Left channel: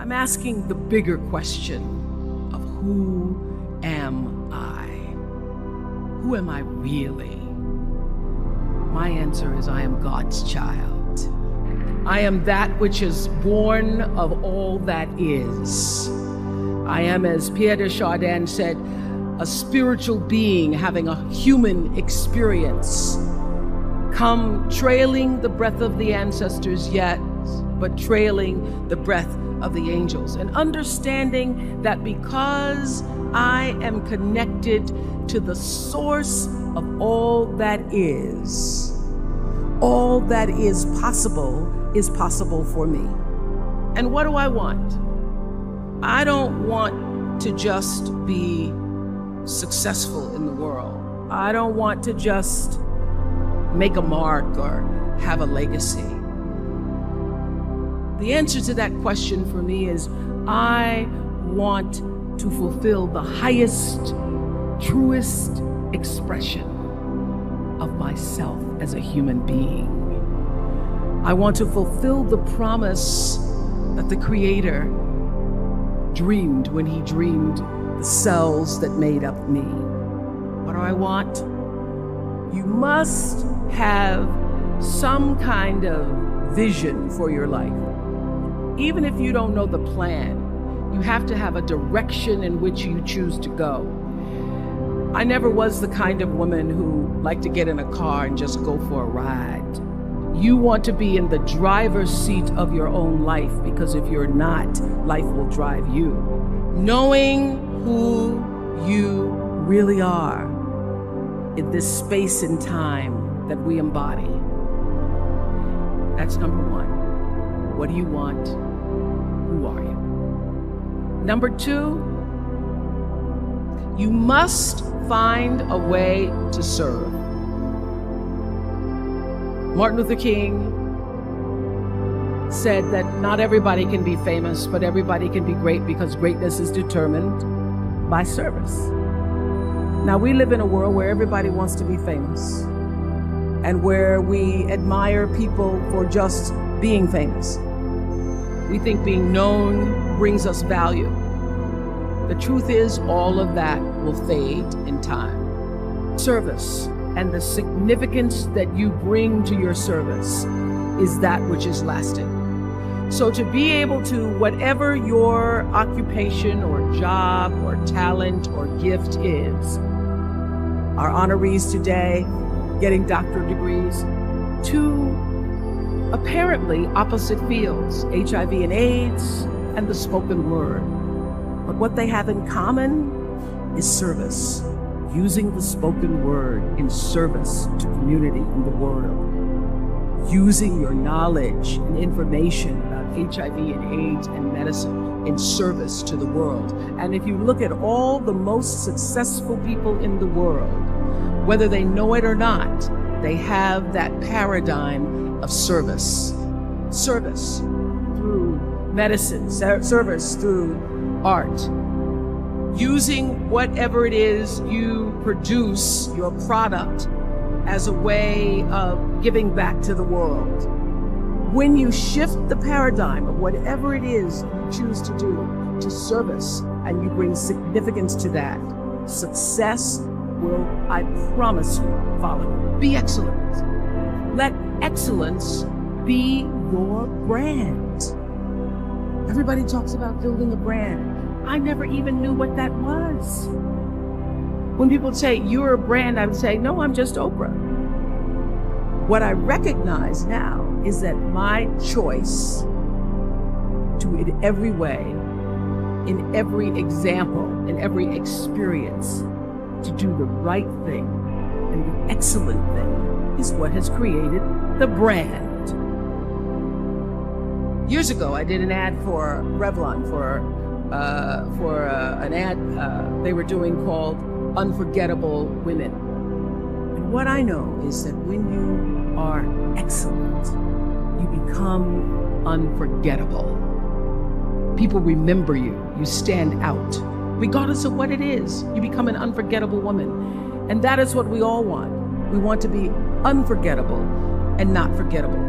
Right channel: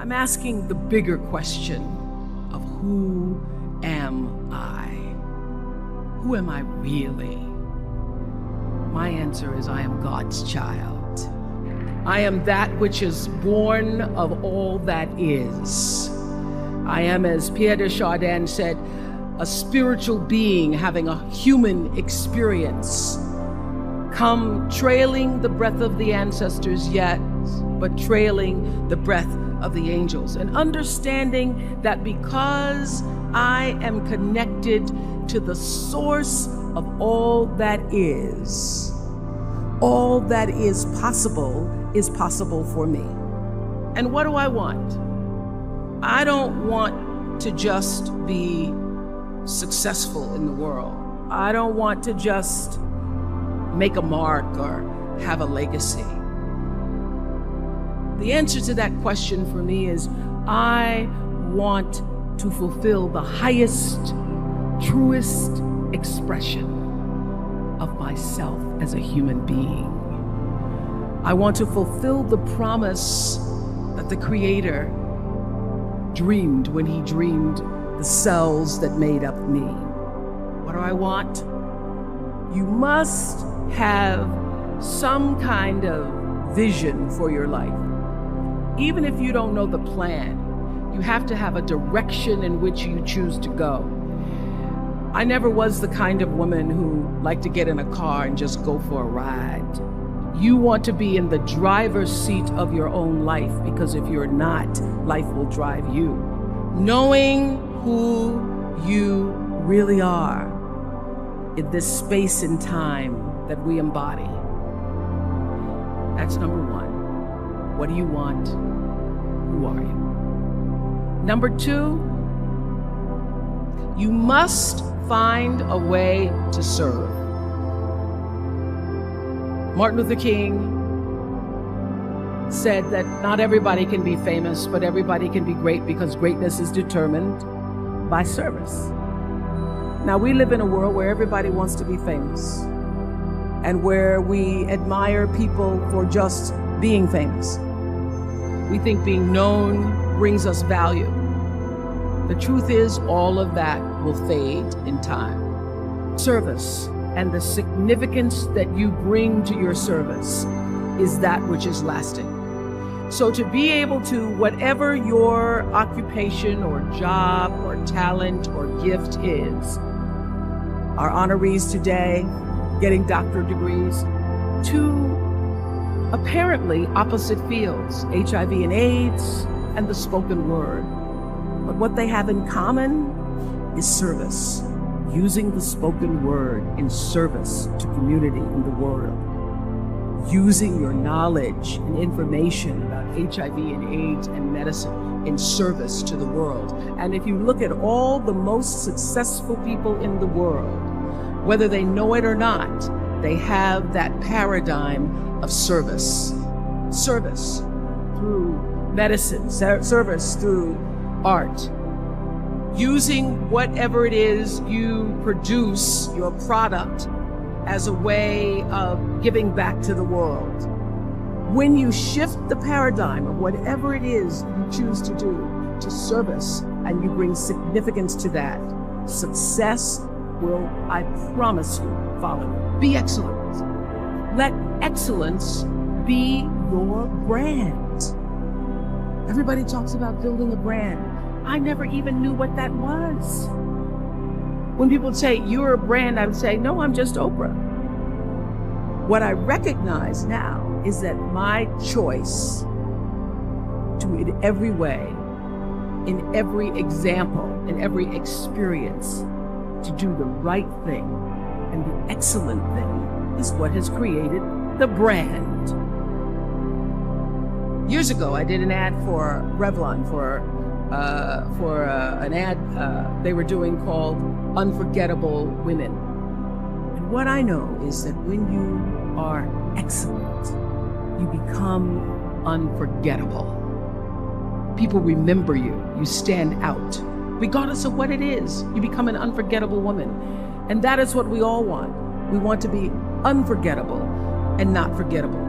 I'm asking the bigger question of who am I? Who am I really? My answer is I am God's child. I am that which is born of all that is. I am, as Pierre de Chardin said, a spiritual being having a human experience, come trailing the breath of the ancestors yet, but trailing the breath of the angels, and understanding that because I am connected to the source of all that is possible for me. And what do I want? I don't want to just be successful in the world. I don't want to just make a mark or have a legacy. The answer to that question for me is I want to fulfill the highest, truest expression of myself as a human being. I want to fulfill the promise that the Creator dreamed when He dreamed the cells that made up me. What do I want? You must have some kind of vision for your life. Even if you don't know the plan, you have to have a direction in which you choose to go. I never was the kind of woman who liked to get in a car and just go for a ride. You want to be in the driver's seat of your own life, because if you're not, life will drive you. Knowing who you really are in this space and time that we embody. That's number one. What do you want? Who are you? Number two, you must find a way to serve. Martin Luther King said that not everybody can be famous, but everybody can be great, because greatness is determined by service. Now, we live in a world where everybody wants to be famous and where we admire people for just being famous. We think being known brings us value. The truth is, all of that will fade in time. Service and the significance that you bring to your service is that which is lasting. So to be able to, whatever your occupation or job or talent or gift is, our honorees today getting doctorate degrees, to apparently opposite fields, HIV and AIDS and the spoken word. But what they have in common is service, using the spoken word in service to community in the world, using your knowledge and information about HIV and AIDS and medicine in service to the world. And if you look at all the most successful people in the world, whether they know it or not, they have that paradigm of service. Service through medicine, service through art. Using whatever it is you produce, your product, as a way of giving back to the world. When you shift the paradigm of whatever it is you choose to do to service, and you bring significance to that, success will, I promise you, follow you. Be excellent. Let excellence be your brand. Everybody talks about building a brand. I never even knew what that was. When people say, you're a brand, I would say, no, I'm just Oprah. What I recognize now is that my choice to, in every way, in every example, in every experience, to do the right thing and the excellent thing is what has created the brand. Years ago, I did an ad for Revlon for an ad they were doing called Unforgettable Women. And what I know is that when you are excellent, you become unforgettable. People remember you. You stand out. Regardless of what it is, you become an unforgettable woman. And that is what we all want. We want to be unforgettable and not forgettable.